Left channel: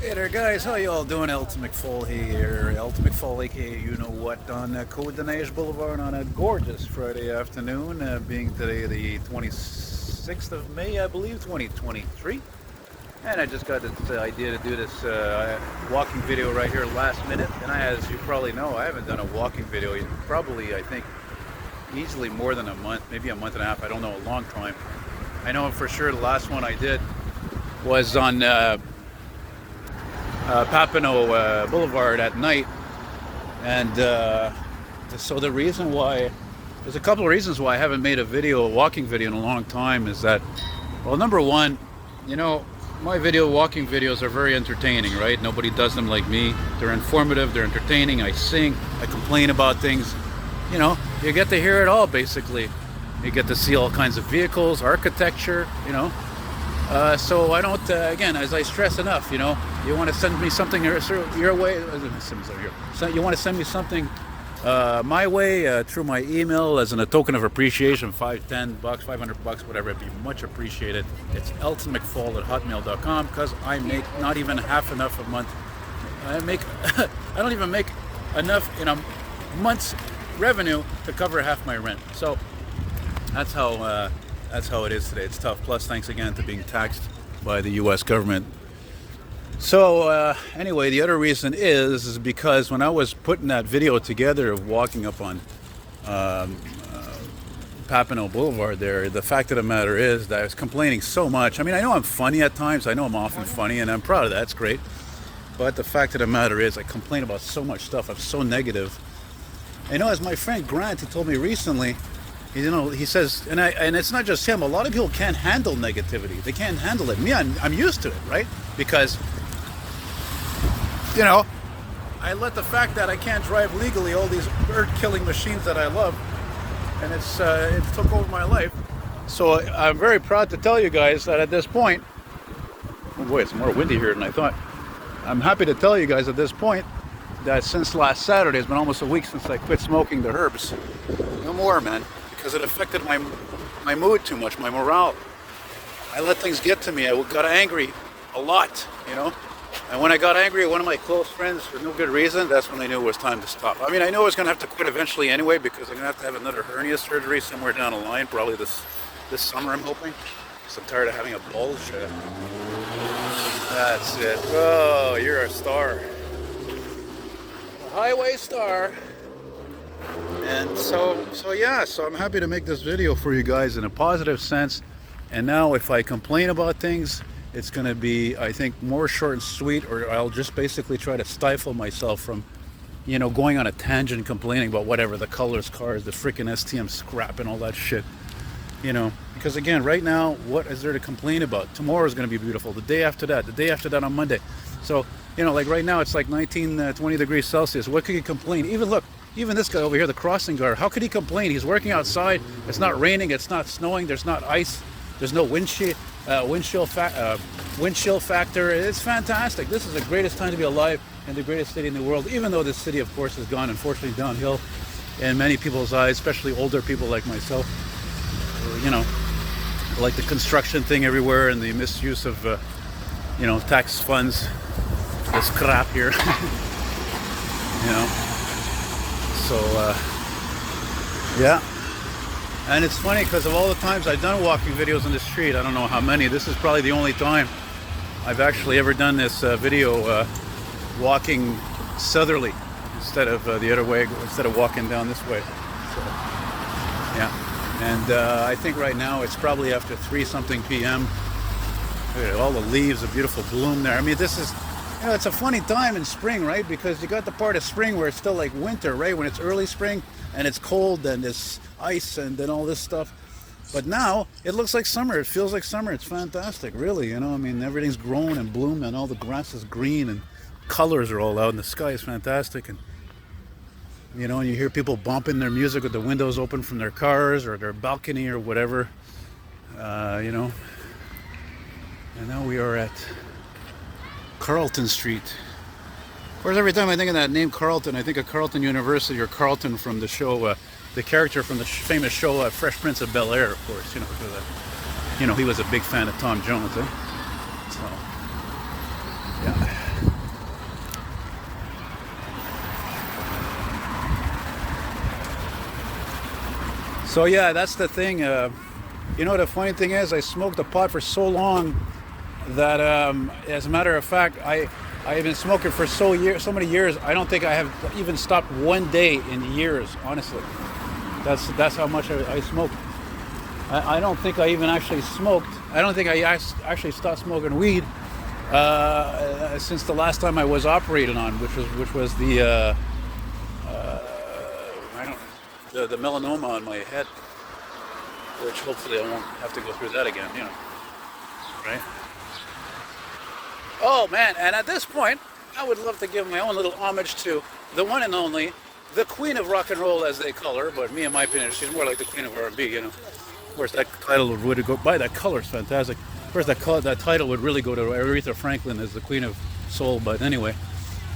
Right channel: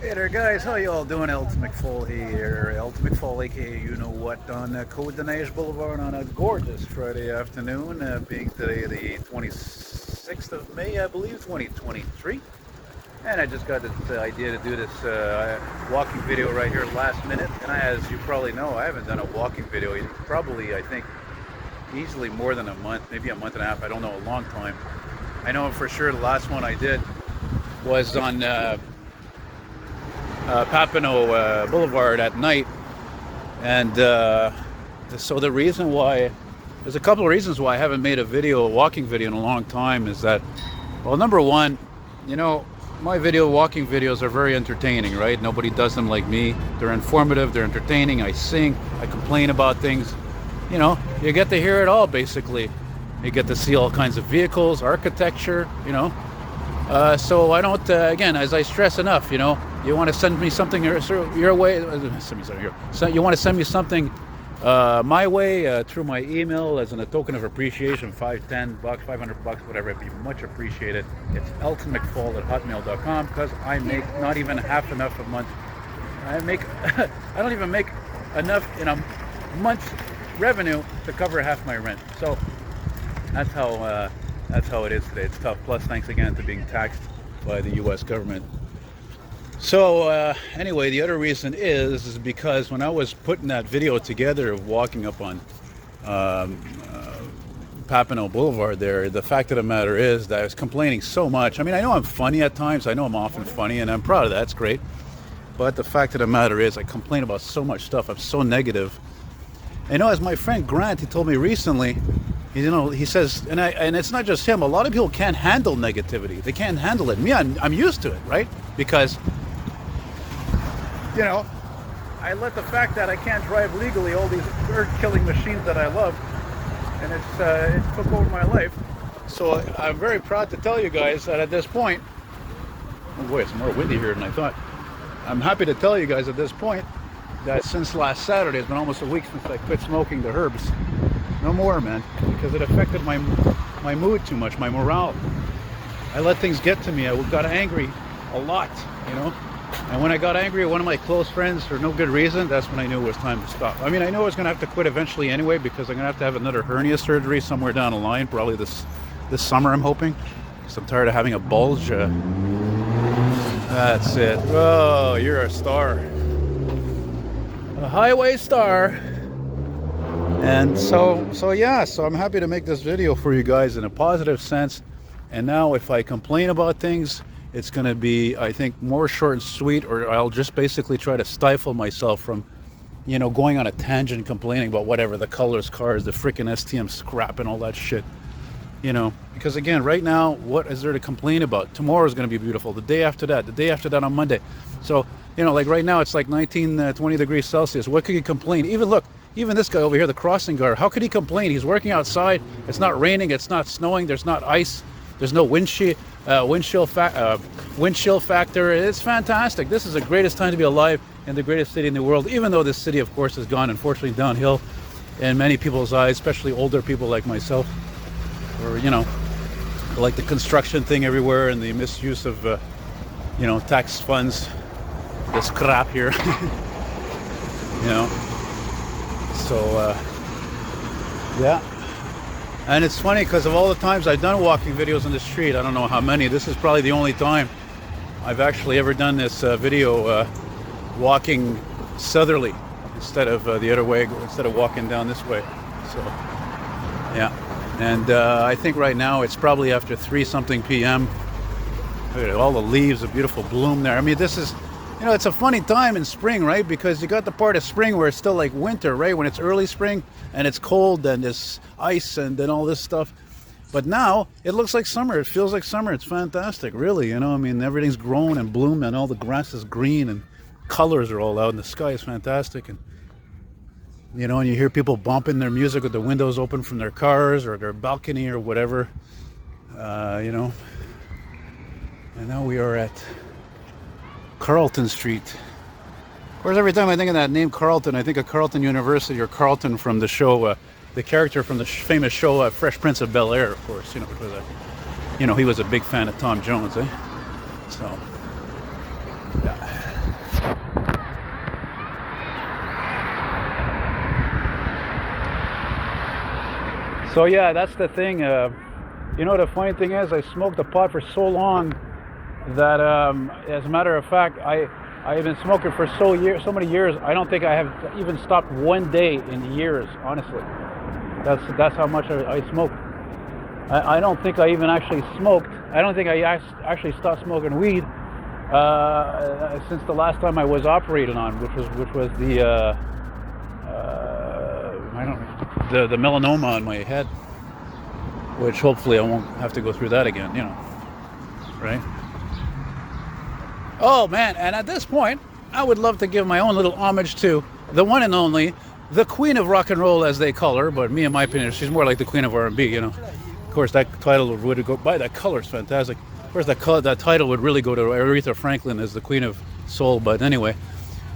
Hey there guys, how you all doing? Elton McFall here. Elton McFall, aka you know what, on Cote-Des-Neiges Boulevard on a gorgeous Friday afternoon, being today the 26th of May, I believe, 2023. And I just got this idea to do this walking video right here last minute. And as you probably know, I haven't done a walking video in probably, I think, easily more than a month, maybe a month and a half, I don't know, a long time. I know for sure the last one I did was on Papineau Boulevard at night, and so the reason why, there's a couple of reasons why I haven't made a walking video in a long time is that, well, number one, you know, my walking videos are very entertaining, right? Nobody does them like me. They're informative, they're entertaining. I sing, I complain about things, you know, you get to hear it all basically. You get to see all kinds of vehicles, architecture, you know. So I don't, again, as I stress enough, you know, you want to send me something your way, so you want to send me something my way through my email as a token of appreciation, $5, $10, $500, whatever, it'd be much appreciated. It's eltonmcfall@hotmail.com, because I make not even half enough a month. I don't even make enough in a month's revenue to cover half my rent. So that's how it is today. It's tough. Plus, thanks again to being taxed by the U.S. government. So anyway, the other reason is because when I was putting that video together of walking up on Papineau Boulevard there, the fact of the matter is that I was complaining so much. I mean, I know I'm funny at times. I know I'm often funny, and I'm proud of that. It's great. But the fact of the matter is I complain about so much stuff. I'm so negative. You know, as my friend Grant, he told me recently, you know, he says, and it's not just him, a lot of people can't handle negativity. They can't handle it. Me, I'm used to it, right? Because, you know, I let the fact that I can't drive legally all these bird-killing machines that I love, and it took over my life. So I'm very proud to tell you guys that at this point, oh boy, it's more windy here than I thought. I'm happy to tell you guys at this point that since last Saturday, it's been almost a week since I quit smoking the herbs. No more, man, because it affected my mood too much, my morale. I let things get to me. I got angry a lot, you know. And when I got angry at one of my close friends for no good reason, that's when I knew it was time to stop. I mean, I knew I was going to have to quit eventually anyway, because I'm going to have another hernia surgery somewhere down the line, probably this summer, I'm hoping, because I'm tired of having a bulge. That's it. Oh, you're a star. A highway star. And so I'm happy to make this video for you guys in a positive sense. And now if I complain about things, it's going to be, I think, more short and sweet, or I'll just basically try to stifle myself from, you know, going on a tangent complaining about whatever, the colors, cars, the freaking STM scrap and all that shit. You know, because again, right now, what is there to complain about? Tomorrow is going to be beautiful. The day after that on Monday. So, you know, like right now it's like 19, 20 degrees Celsius. What could you complain? Even this guy over here, the crossing guard, how could he complain? He's working outside. It's not raining. It's not snowing. There's not ice. There's no windshield factor. It's fantastic. This is the greatest time to be alive in the greatest city in the world, even though this city, of course, has gone, unfortunately, downhill in many people's eyes, especially older people like myself. Or, you know, like the construction thing everywhere and the misuse of, you know, tax funds, this crap here, you know. So, yeah. And it's funny because of all the times I've done walking videos on the street, I don't know how many, this is probably the only time I've actually ever done this video walking southerly instead of the other way, instead of walking down this way. So, yeah. And I think right now it's probably after 3-something p.m. Look at all the leaves, the beautiful bloom there. I mean, this is, you know, it's a funny time in spring, right? Because you got the part of spring where it's still like winter, right? When it's early spring and it's cold and there's ice and then all this stuff. But now it looks like summer. It feels like summer. It's fantastic, really. You know, I mean, everything's grown and bloomed and all the grass is green and colors are all out and the sky is fantastic. And, you know, and you hear people bumping their music with the windows open from their cars or their balcony or whatever, you know. And now we are at Carleton Street. Of course, every time I think of that name Carleton, I think of Carleton University or Carleton from the show, the character from the famous show Fresh Prince of Bel-Air, of course, you know, because, you know, he was a big fan of Tom Jones, eh? So, yeah. So yeah, that's the thing. You know, the funny thing is, I smoked the pot for so long that, as a matter of fact, I've been smoking for so many years. I don't think I have even stopped one day in years. Honestly, that's how much I smoke. I don't think I even actually smoked. I don't think I actually stopped smoking weed since the last time I was operated on, which was the I don't the melanoma on my head, which hopefully I won't have to go through that again. You know, right? Oh man! And at this point, I would love to give my own little homage to the one and only, the Queen of Rock and Roll, as they call her. But me, in my opinion, she's more like the Queen of R&B. You know. Of course, that title would really go by. That color's fantastic. Of course, that title would really go to Aretha Franklin as the Queen of Soul. But anyway,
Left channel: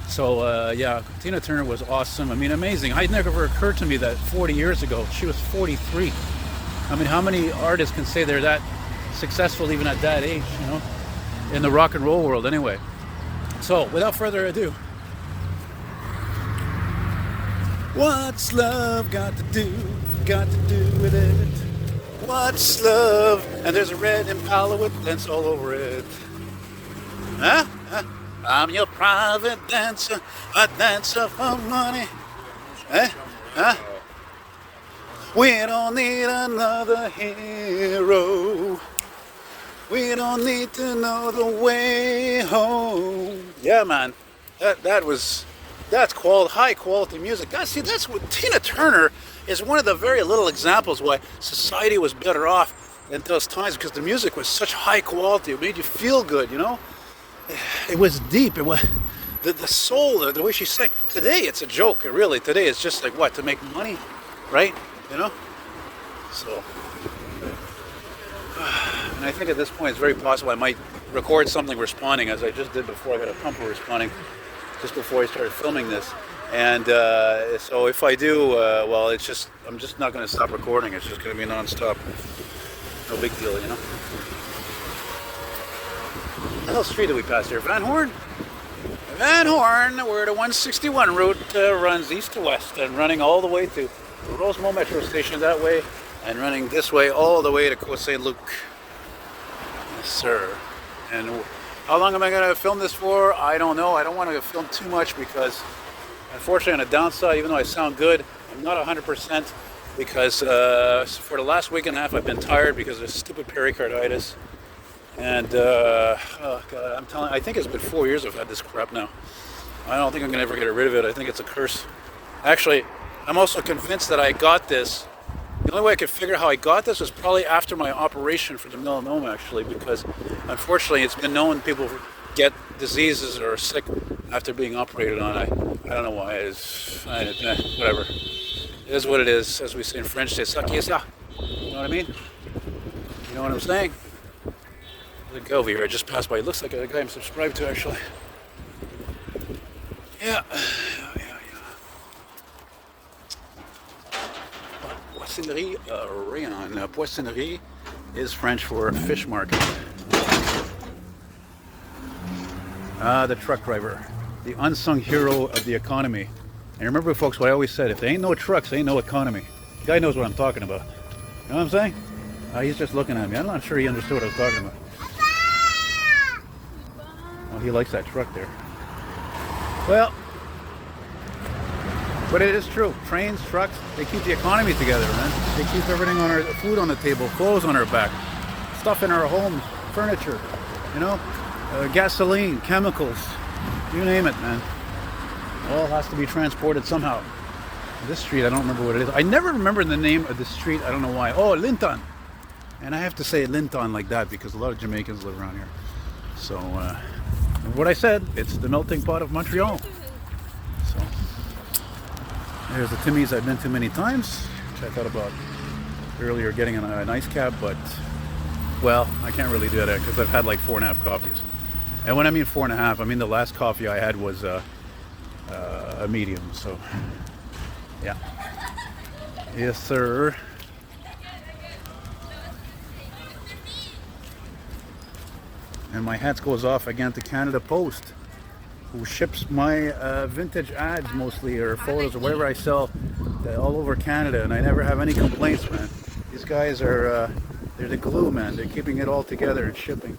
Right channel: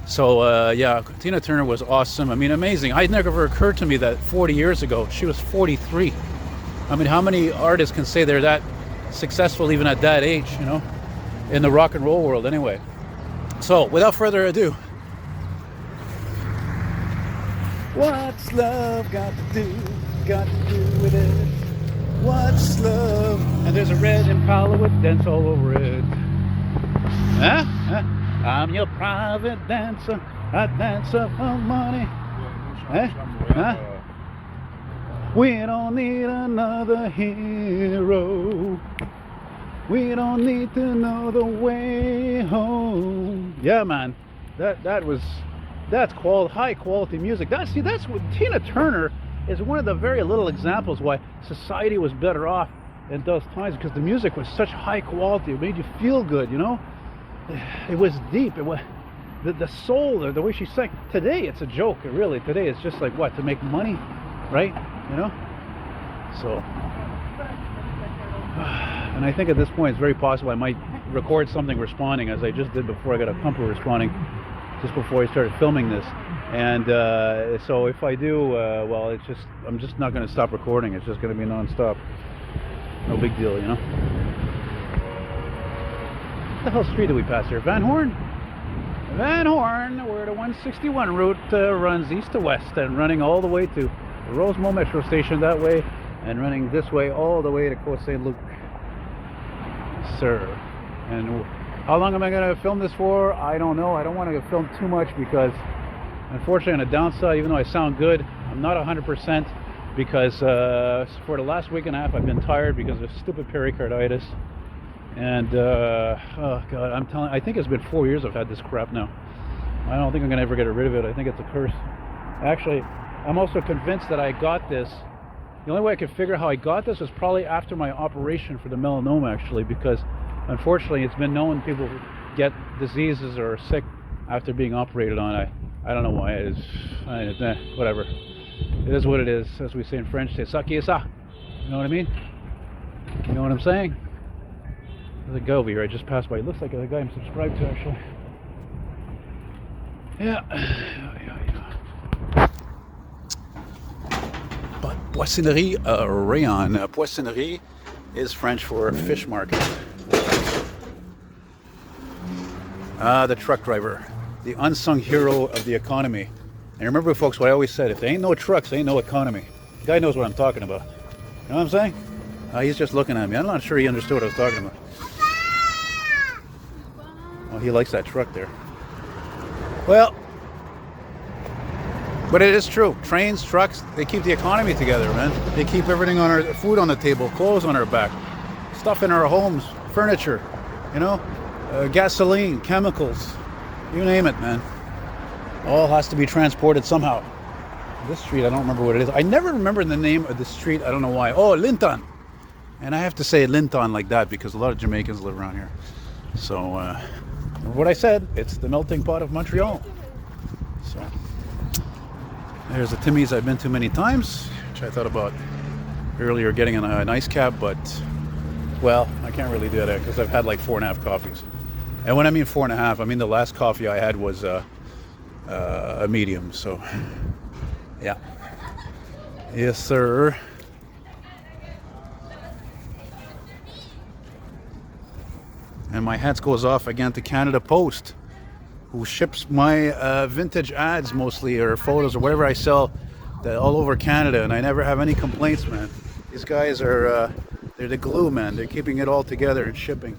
so yeah, Tina Turner was awesome. I mean, amazing. It never occurred to me that 40 years ago she was 43. I mean, how many artists can say they're that successful even at that age? You know, in the rock and roll world. Anyway, so without further ado, what's love got to do with it? What's love? And there's a red Impala with dents all over it. Huh? I'm your private dancer, a dancer for money. Huh? We don't need another hero. We don't need to know the way home. Yeah, man. That's called high quality music. That's what Tina Turner is one of the very little examples why society was better off in those times, because the music was such high quality. It made you feel good, you know. It was deep. It was the soul, the way she sang. Today it's a joke. Really, today it's just like what, to make money, right? You know. So, and I think at this point it's very possible I might record something responding, as I just did before. I got a pumper responding just before I started filming this. And so if I do, well, I'm just not going to stop recording. It's just going to be non-stop. No big deal, you know. What the hell street do we pass here? Van Horn? Van Horn, where the 161 route runs east to west and running all the way to Rosemont Metro Station that way, and running this way all the way to Côte St. Luc. Yes, sir. And how long am I going to film this for? I don't know. I don't want to film too much because, unfortunately, on the downside, even though I sound good, I'm not 100% because for the last week and a half I've been tired because of stupid pericarditis. And oh God, I think it's been 4 years I've had this crap now. I don't think I'm gonna ever get rid of it. I think it's a curse. Actually, I'm also convinced that I got this. The only way I could figure how I got this was probably after my operation for the melanoma, actually, because unfortunately it's been known people get diseases or are sick after being operated on. I don't know why. Whatever. It is what it is, as we say in French. C'est ça qui est ça. You know what I mean? You know what I'm saying? There's a guy over here I just passed by. It looks like a guy I'm subscribed to, actually. Yeah. But Poissonnerie Rayon. Poissonnerie is French for fish market. The truck driver, the unsung hero of the economy. And remember, folks, what I always said: if there ain't no trucks, there ain't no economy. The guy knows what I'm talking about. You know what I'm saying? He's just looking at me. I'm not sure he understood what I was talking about. Well, he likes that truck there. Well, but it is true. Trains, trucks, they keep the economy together, man. They keep everything on our food on the table, clothes on our back, stuff in our homes, furniture, you know, gasoline, chemicals, you name it, man. All has to be transported somehow. This street, I don't remember what it is. I never remember the name of the street. I don't know why. Oh, Linton. And I have to say Linton like that because a lot of Jamaicans live around here. So, what I said, it's the melting pot of Montreal. So, there's the Timmy's I've been to many times, which I thought about earlier getting an ice cap, but, well, I can't really do that because I've had like 4.5 coffees. And when I mean 4.5, I mean the last coffee I had was a medium, so, yeah. Yes, sir. And my hats goes off again to Canada Post, who ships my vintage ads mostly, or photos, or whatever I sell all over Canada, and I never have any complaints, man. These guys are, they're the glue, man. They're keeping it all together and shipping.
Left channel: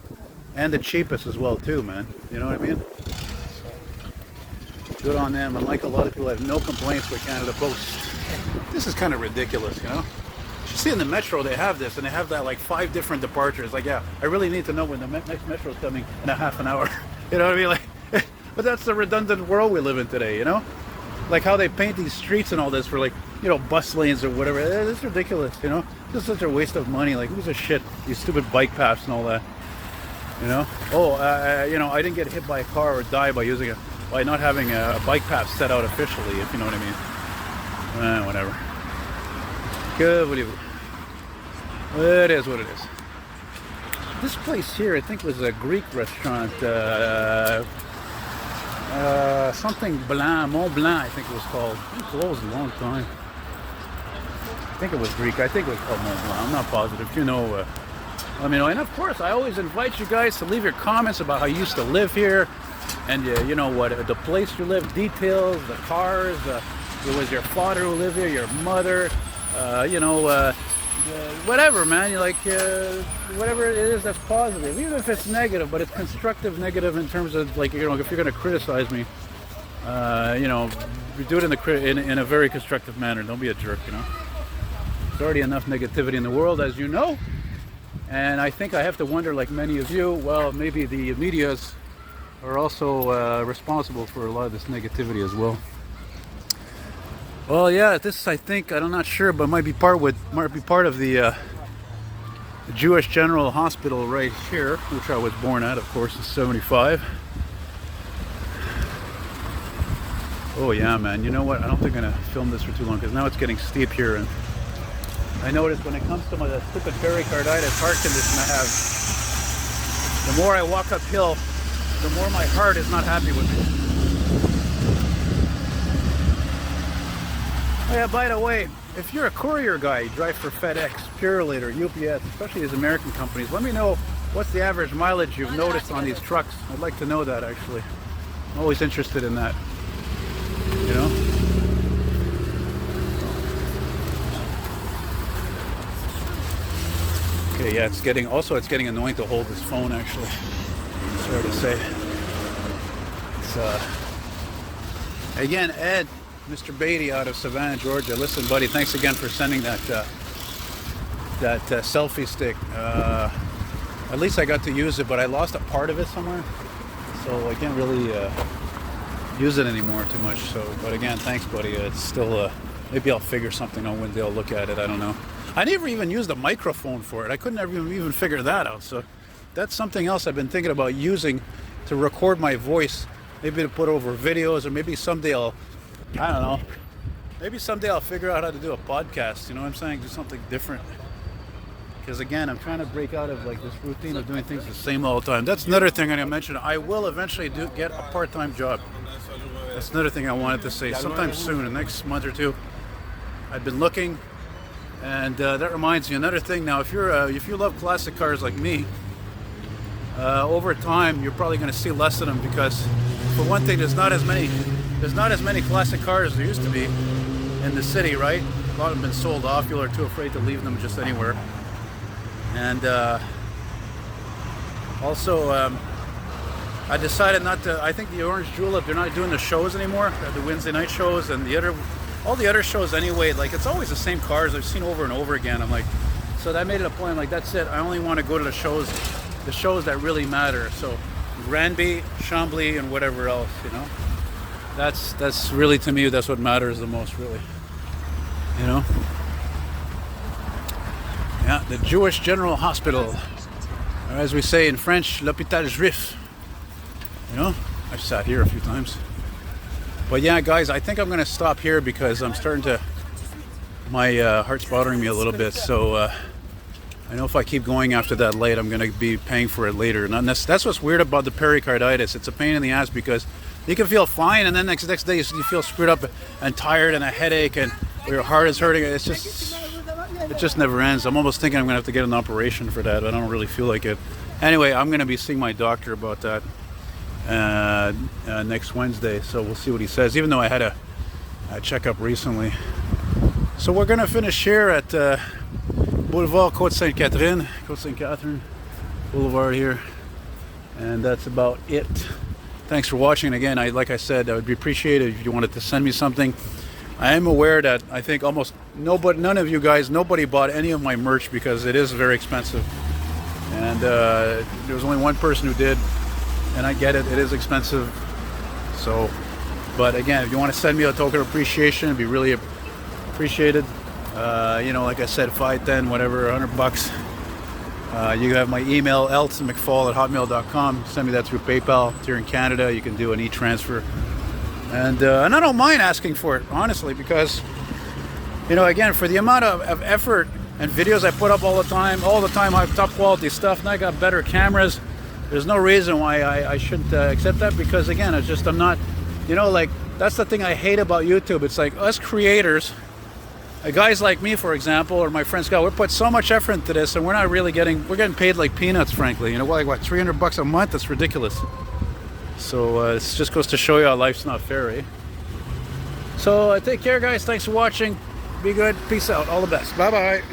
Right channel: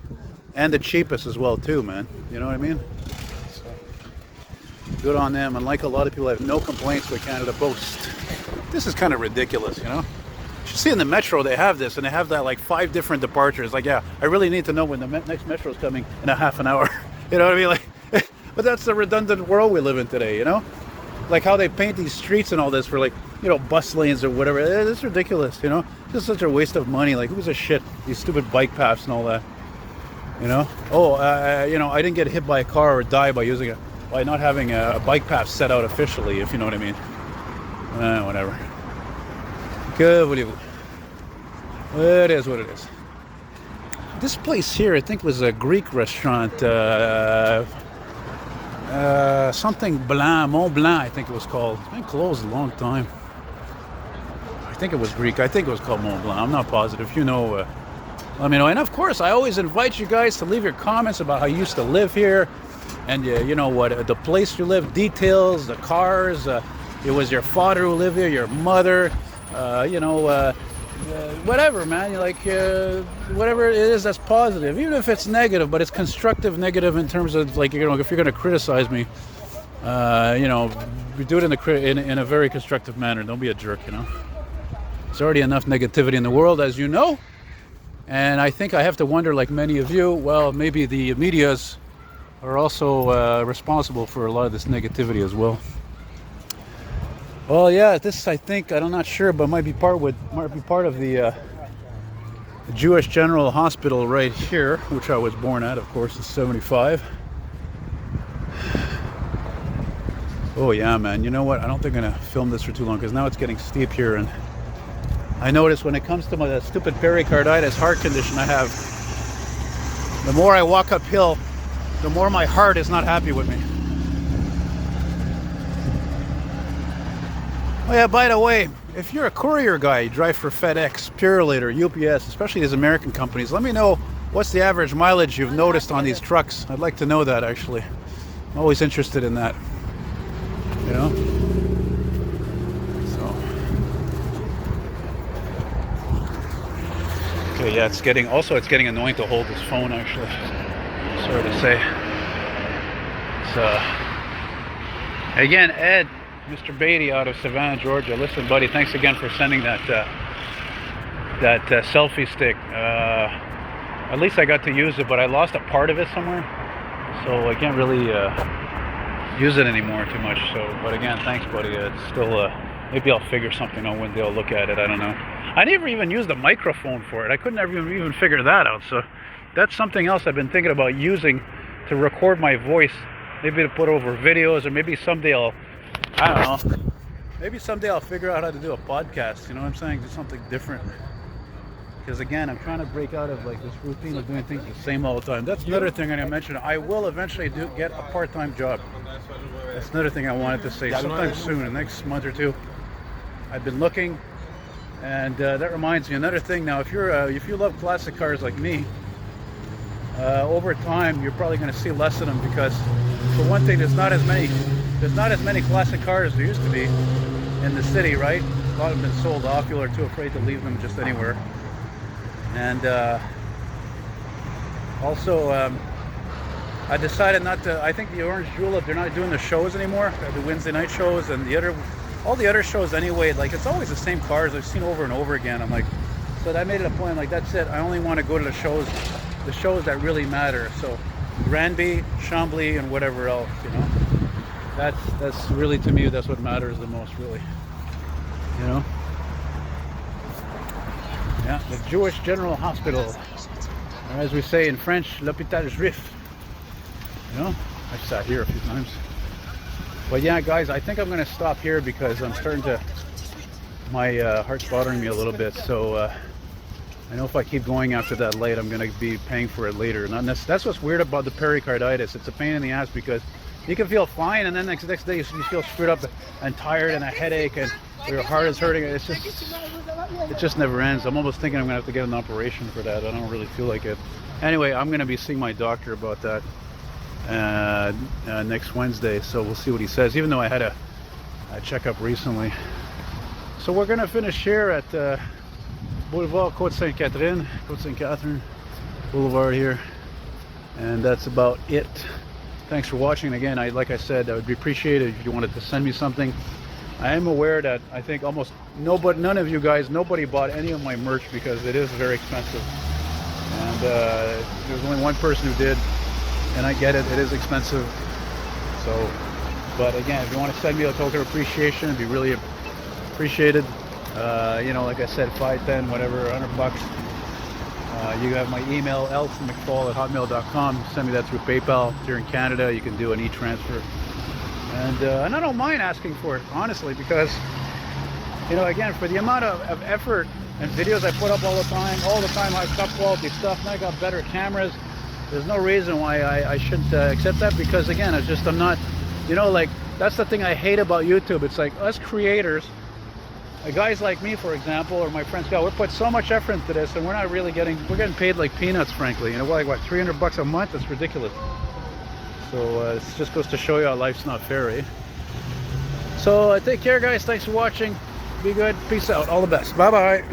And the cheapest as well, too, man. You know what I mean? So, good on them. And like a lot of people, I have no complaints with Canada Post. This is kind of ridiculous, you know? You see in the metro, they have this, and they have that like 5 different departures. Like, yeah, I really need to know when the next metro is coming in a half an hour. You know what I mean? Like, but that's the redundant world we live in today, you know? Like how they paint these streets and all this for like, you know, bus lanes or whatever. It's ridiculous, you know? Just such a waste of money. Like, who's a shit? These stupid bike paths and all that, you know? Oh, you know, I didn't get hit by a car or die by not having a bike path set out officially, if you know what I mean. Whatever. Good, whatever. It is what it is. This place here, I think, was a Greek restaurant. Something Blanc, Mont Blanc, I think it was called. It closed a long time. I think it was Greek. I think it was called Mont Blanc. I'm not positive. You know, let me know. And of course, I always invite you guys to leave your comments about how you used to live here, and you know what, the place you live, details, the cars. It was your father who lived here, your mother. You know, whatever, man. You like whatever it is that's positive, even if it's negative, but it's constructive negative in terms of, like, you know, if you're going to criticize me, you know, do it in a very constructive manner. Don't be a jerk, you know. There's already enough negativity in the world, as you know, and I think I have to wonder, like many of you, well, maybe the medias are also responsible for a lot of this negativity as well. Well, yeah, this, I think, I'm not sure, but might be part of the Jewish General Hospital right here, which I was born at, of course, in '75. Oh yeah, man. You know what? I don't think I'm gonna film this for too long because now it's getting steep here, and I notice when it comes to that stupid pericarditis heart condition I have, the more I walk uphill, the more my heart is not happy with me. Oh yeah, by the way, if you're a courier guy, you drive for FedEx, Purolator, UPS, especially these American companies, let me know what's the average mileage you've noticed on these trucks. I'd like to know that, actually. I'm always interested in that, you know? So. Okay, yeah, it's getting annoying to hold this phone, actually. Sorry to say. It's, again, Ed, Mr. Beatty out of Savannah, Georgia. Listen, buddy, thanks again for sending that selfie stick. At least I got to use it, but I lost a part of it somewhere, so I can't really use it anymore too much. So, but again, thanks, buddy. It's still maybe I'll figure something out one day. I'll look at it. I don't know. I never even used a microphone for it. I couldn't even figure that out. So that's something else I've been thinking about using to record my voice. Maybe to put over videos, or maybe someday I don't know. Maybe someday I'll figure out how to do a podcast, you know what I'm saying? Do something different. Because again, I'm trying to break out of like this routine of doing things the same all the time. That's another thing I'm going to mention. I will eventually get a part-time job. That's another thing I wanted to say. Sometime soon, the next month or two. I've been looking, and that reminds me, another thing now, if you love classic cars like me, over time you're probably going to see less of them, because for one thing, there's not as many classic cars as there used to be in the city, right? A lot of them have been sold off. People are too afraid to leave them just anywhere. And also, I decided not to. I think the Orange Julep, they're not doing the shows anymore, the Wednesday night shows, and all the other shows anyway. Like, it's always the same cars I've seen over and over again. I'm like, so that made it a point. I'm like, that's it. I only want to go to the shows that really matter. So Granby, Chambly, and whatever else, you know. That's really, to me, that's what matters the most, really. You know. Yeah, the Jewish General Hospital, or as we say in French, l'hôpital juif. You know, I've sat here a few times. But yeah, guys, I think I'm going to stop here because I'm starting to, my heart's bothering me a little bit. So I know if I keep going after that light, I'm going to be paying for it later. That's what's weird about the pericarditis. It's a pain in the ass because you can feel fine, and then next day you feel screwed up and tired and a headache, and your heart is hurting. It just never ends. I'm almost thinking I'm going to have to get an operation for that. I don't really feel like it. Anyway, I'm going to be seeing my doctor about that next Wednesday, so we'll see what he says, even though I had a checkup recently. So we're gonna finish here at Boulevard Côte-Sainte-Catherine, Côte-Sainte-Catherine Boulevard here, and that's about it. Thanks for watching. Again, like I said, I would be appreciated if you wanted to send me something. I am aware that I think almost none of you guys, nobody bought any of my merch because it is very expensive, and there was only one person who did, and I get it, it is expensive. So, but again, if you want to send me a token of appreciation, it'd be really appreciated. You know, like I said, 5, 10, whatever, $100. You have my email, eltonmcfall@hotmail.com. Send me that through PayPal. If you're in Canada, you can do an e-transfer. And I don't mind asking for it, honestly, because, you know, again, for the amount of effort and videos I put up all the time, I have top quality stuff, and I got better cameras. There's no reason why I shouldn't accept that, because, again, I'm not, you know, like, that's the thing I hate about YouTube. It's like us creators, guys like me, for example, or my friend Scott, we put so much effort into this, and we're not really we're getting paid like peanuts, frankly. You know, like what, $300 a month? That's ridiculous. So it just goes to show you how life's not fair, eh? So take care, guys. Thanks for watching. Be good. Peace out. All the best. Bye-bye.